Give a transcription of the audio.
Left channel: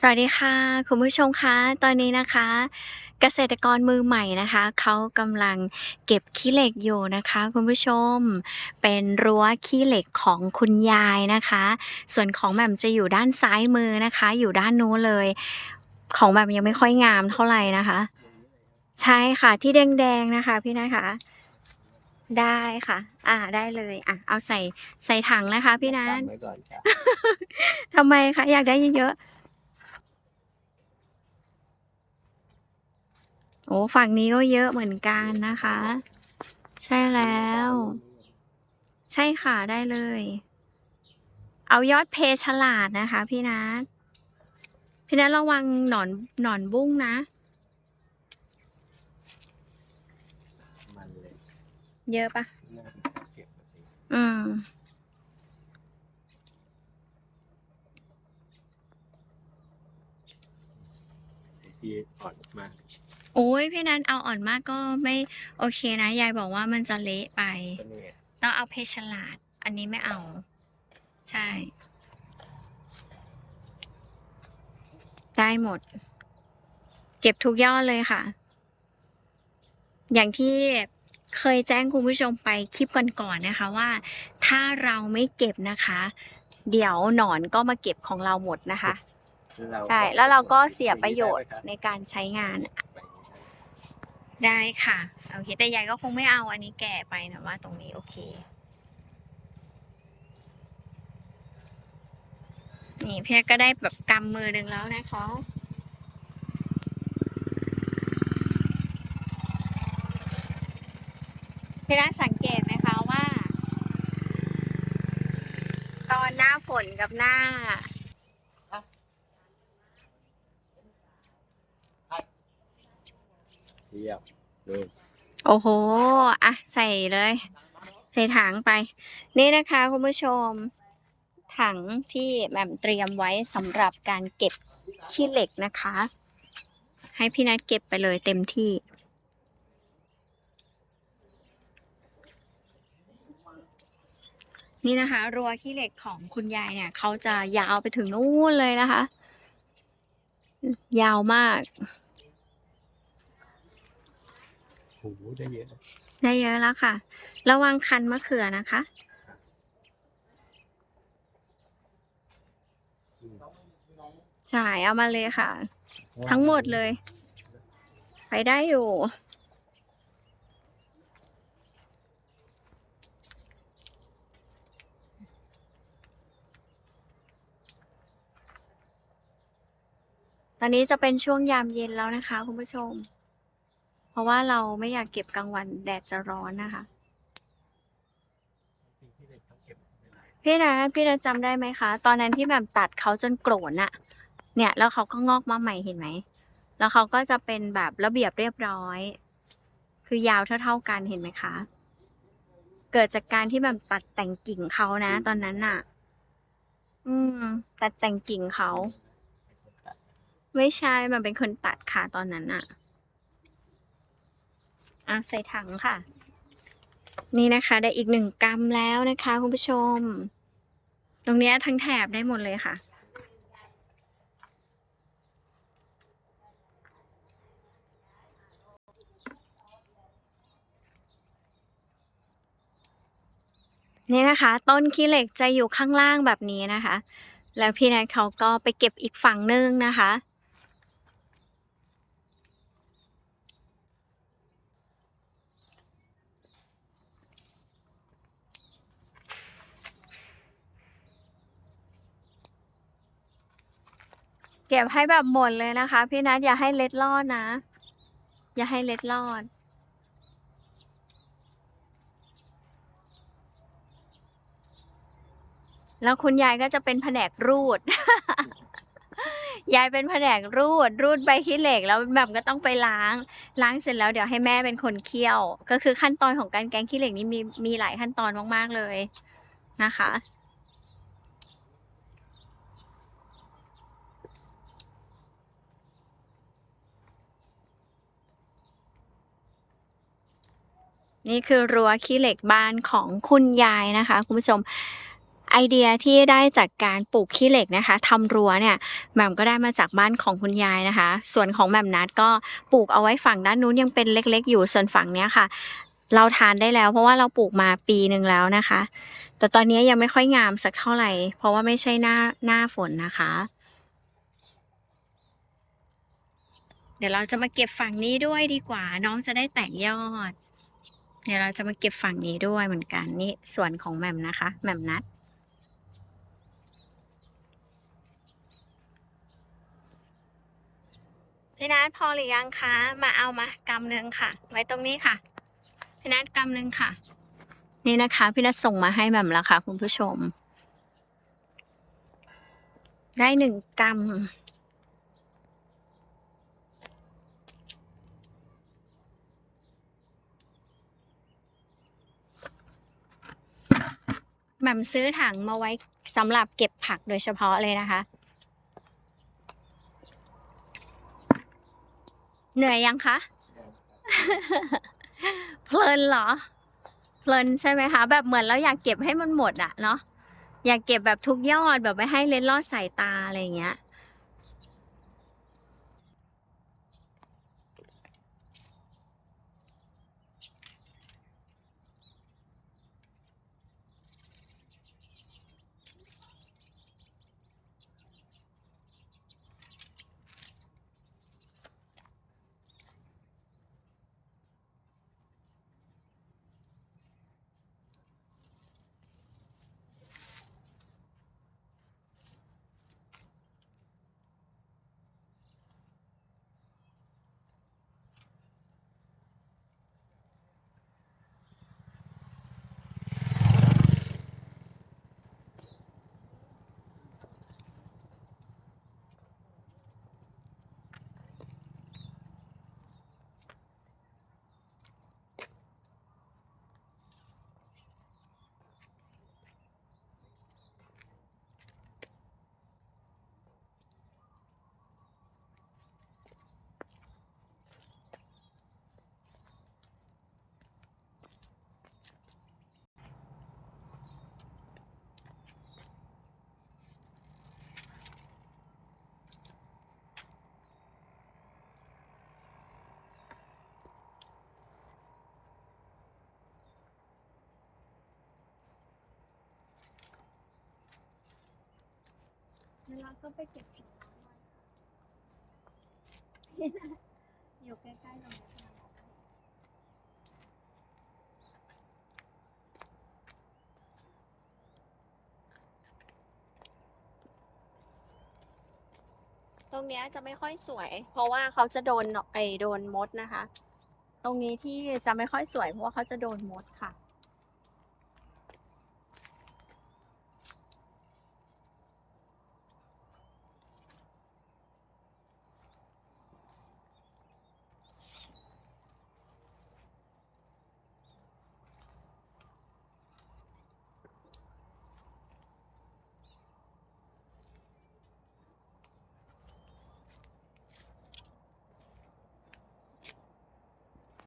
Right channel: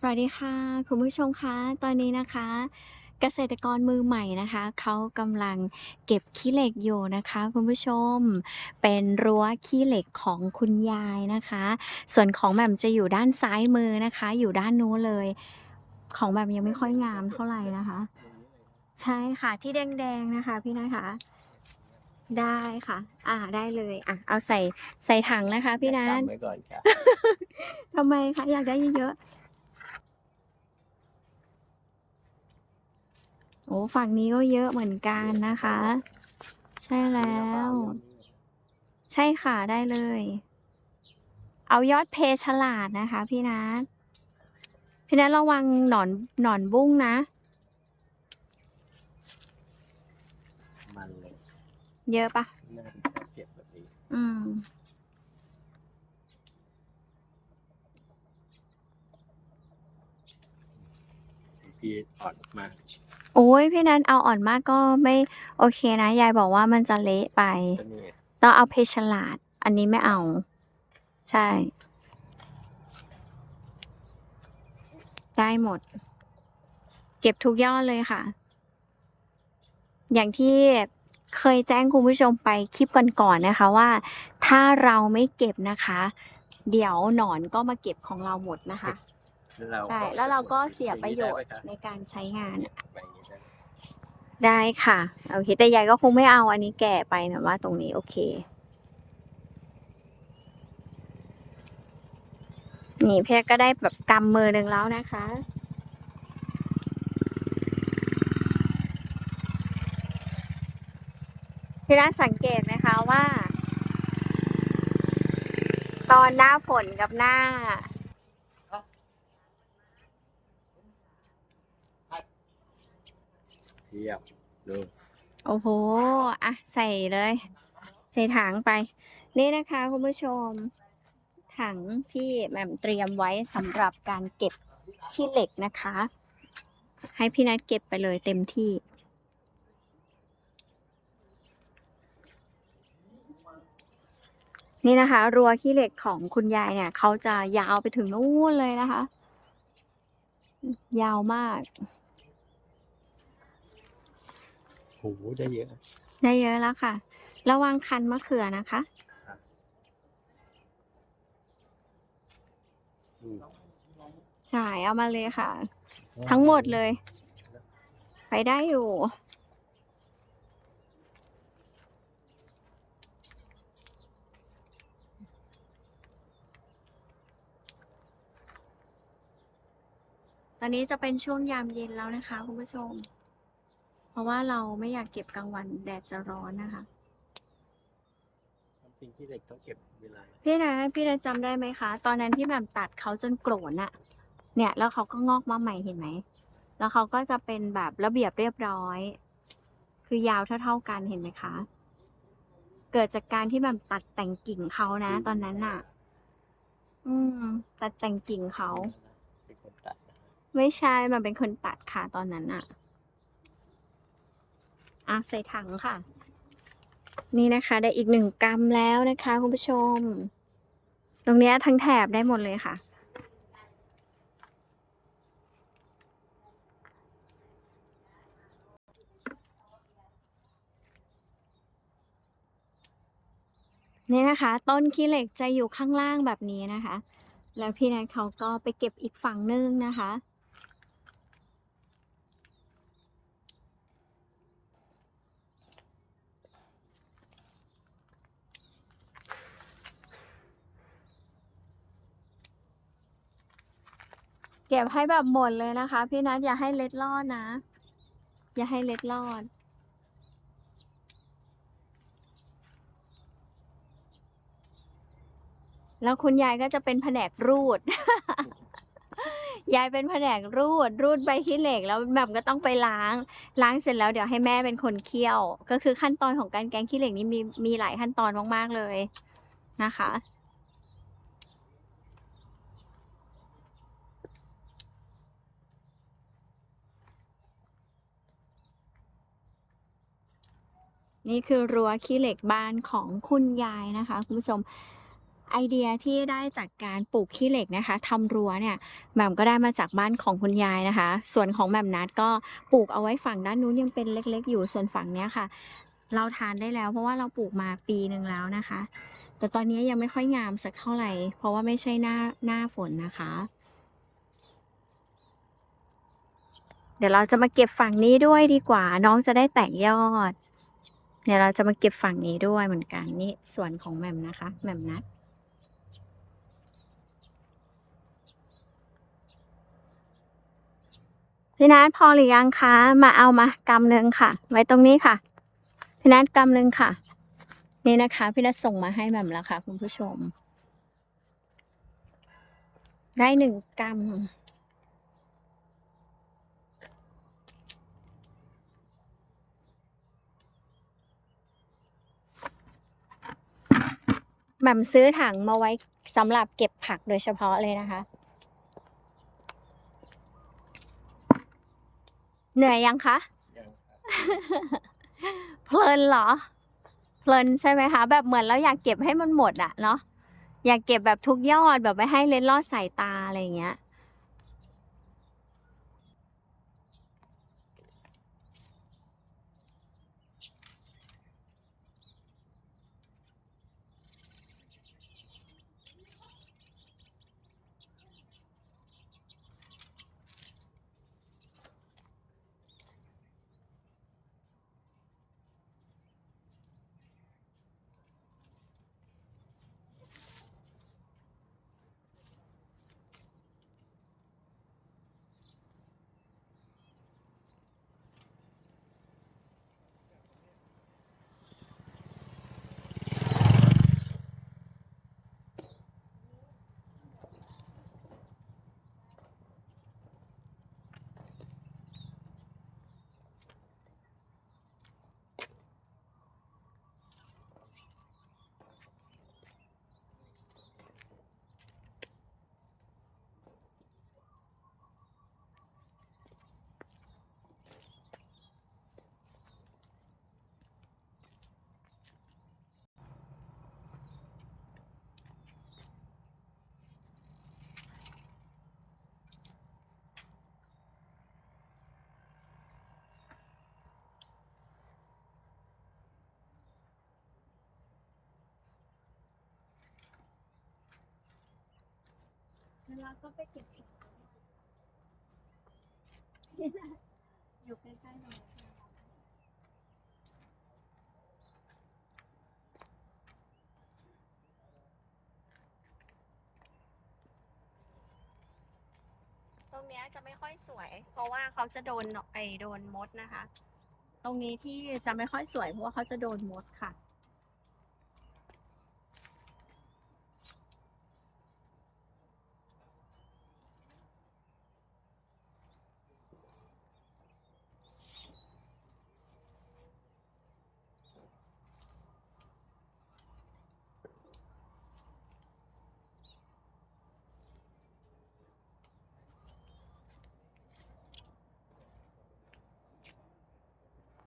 สวัสดีค่ะ คุณผู้ชมคะตอนนี้นะคะ เกษตรกรมือใหม่นะคะเขากำลังเก็บขี้เหล็กอยู่นะคะ คุณผู้ชม เป็นรั้วขี้เหล็กของคุณยายนะคะ ส่วนของแหม่มจะอยู่ด้านซ้ายมือนะคะ อยู่ด้านนู้นเลย ของแหม่มยังไม่ค่อยงามเท่าไหร่นะคะ ใช่ค่ะที่แดงๆนะคะ พี่นะคะ ได้ค่ะ อ่าได้เลย อะ เอาใส่ใส่ถังนะคะ พี่นัทจำไว้ก่อนจ้ะ ทำไมคะอยากได้เยอะๆ โอ้ฝั่งนี้ก็เยอะเหมือนกันนะคะ ใช่แล้ว ใช่ค่ะได้เลย เอายอดเพฉลาดนะคะ พี่นัทพี่นัทระวังหนอนหนอนบุ้งนะ มันเลยเยอะปะน่าจะเก็บแบบนี้อืม ที่อ่อนมาก โอ้ยพี่นัทเอาอ่อนมากก็ไม่โอเคนะ ยายบอกว่ามันจะเละไปก็นี่ต้องเอาเพชรฉลาด อันนี้ไม่เอา ใช่ ได้หมด เก็บทุกยอดเลยค่ะ อย่างที่เคยแจ้งคุณผู้ชมไปคลิปก่อนๆนะคะว่า ถ้าเราไม่เก็บนะคะ เดี๋ยวหนอนก็มาเก็บของเราหมดนะคะเราใช่ แล้วเราก็เสียประโยชน์ในการใช้งาน ได้ค่ะโอเค แต่ยายก็คงไม่เอาอันนี้แก่ไปนะว่าตรงนี้โอเค นี่เพียก็ได้แบบกำมือหนึ่งแล้วนะคะพี่น่าสังเกตไหมคะว่า ตอนหน้าฝนกับหน้า เทียบดูโอ้โห อะ ใส่เลย ใส่ถังไป นี่นะคะคุณผู้ชม ถังที่แหม่มเตรียมไว้สำหรับการเก็บขี้เหล็กนะคะ ให้พี่นัทเก็บไปเลยเต็มที่ นี่นะคะ รัวขี้เหล็กของคุณยายเนี่ย เขาจะยาวไปถึงนู่นเลยนะคะ ยาวมาก โหได้เยอะ ได้เยอะแล้วค่ะ ระวังคันมะเขือนะคะใช่เอามาเลยค่ะ ทั้งหมดเลย ไปได้อยู่ตอนนี้จะเป็นช่วงยามเย็นแล้วนะคะ คุณผู้ชม ราะว่าเราไม่อยากเก็บกลางวันแดดจะร้อนนะคะจริงที่เด็กต้องเก็บเวลาพี่นะพี่นะจำได้ไหมคะ ตอนนั้นที่แบบตัดเขาจนโกรนอะเนี่ย แล้วเขาก็งอกมาใหม่เห็นไหม แล้วเขาก็จะเป็นแบบระเบียบเรียบร้อย คือยาวเท่า ๆกันเห็นไหมคะ เกิดจากการที่แบบตัดแต่งกิ่งเขานะ ตอนนั้นน่ะอืม ตัดแต่งกิ่งเขา เป็นคนตัดนะไม่ใช่มันเป็นคนตัดค่ะตอนนั้นอะ อะใส่ถังค่ะ นี่นะคะ ได้อีกหนึ่งกรัมแล้วนะคะคุณผู้ชม ตรงเนี้ยทั้งแถบได้หมดเลยค่ะ นี่นะคะ ต้นขี้เหล็กจะอยู่ข้างล่างแบบนี้นะคะ แล้วพี่นัทเขาก็ไปเก็บอีกฝั่งนึงนะคะ ก็บให้แบบหมดเลยนะคะ พี่นัทอย่าให้เล็ดลอดนะ อย่าให้เล็ดลอด แล้วคุณยายก็จะเป็นแผนกรูด ยายเป็นแผนกรูด รูดใบขี้เหล็กแล้วแบบก็ต้องไปล้าง ล้างเสร็จแล้วเดี๋ยวให้แม่เป็นคนเคี่ยว ก็คือขั้นตอนของการแกงขี้เหล็กนี่มีมีหลายขั้นตอนมากๆเลยนะคะ นี่คือรั้วขี้เหล็กบ้านของคุณยายนะคะคุณผู้ชมไอเดียที่ได้จากการปลูกขี้เหล็กนะคะทำรั้วเนี่ยแหม่มก็ได้มาจากบ้านของคุณยายนะคะ ส่วนของแหม่มนัดก็ปลูกเอาไว้ฝั่งด้านนู้นยังเป็นเล็กๆ อยู่ส่วนฝั่งเนี้ยค่ะ เราทานได้แล้วเพราะว่าเราปลูกมาปีหนึ่งแล้วนะคะ แต่ตอนนี้ยังไม่ค่อยงามสักเท่าไหร่ เพราะว่าไม่ใช่หน้าหน้าฝนนะคะ เดี๋ยวเราจะมาเก็บฝั่งนี้ด้วยดีกว่า น้องจะได้แตกยอด เดี๋ยวเราจะมาเก็บฝั่งนี้ด้วยเหมือนกันนี่ส่วนของแหม่มนะคะแหม่มนัด พี่นัทพอหรือยังคะ มาเอามากำหนึ่งค่ะ ไว้ตรงนี้ค่ะ พี่นัทกำหนึ่งค่ะ นี่นะคะ พี่นัทส่งมาให้แหม่มแล้วค่ะ คุณผู้ชม ได้หนึ่งกำ หม่มซื้อถังมาไว้สำหรับเก็บผักโดยเฉพาะเลยนะคะ เหนื่อยยังคะ เพลินเหรอ เพลินใช่ไหมคะ แบบเหมือนเราอยากเก็บให้มันหมดอะเนาะอยากเก็บแบบทุกยอดแบบไม่ให้เล็ดลอดสายตาอะไรอย่างเงี้ย เวลาก็ไปเก็บของอยู่ใกล้ๆตรงนี้นะตรงเนี้ยจะไม่ค่อยสวย เพราะว่าเขาจะโดนไอโดนมดนะคะ ตรงนี้ที่จะไม่ค่อยสวยเพราะว่าเขาจะโดนมดค่ะ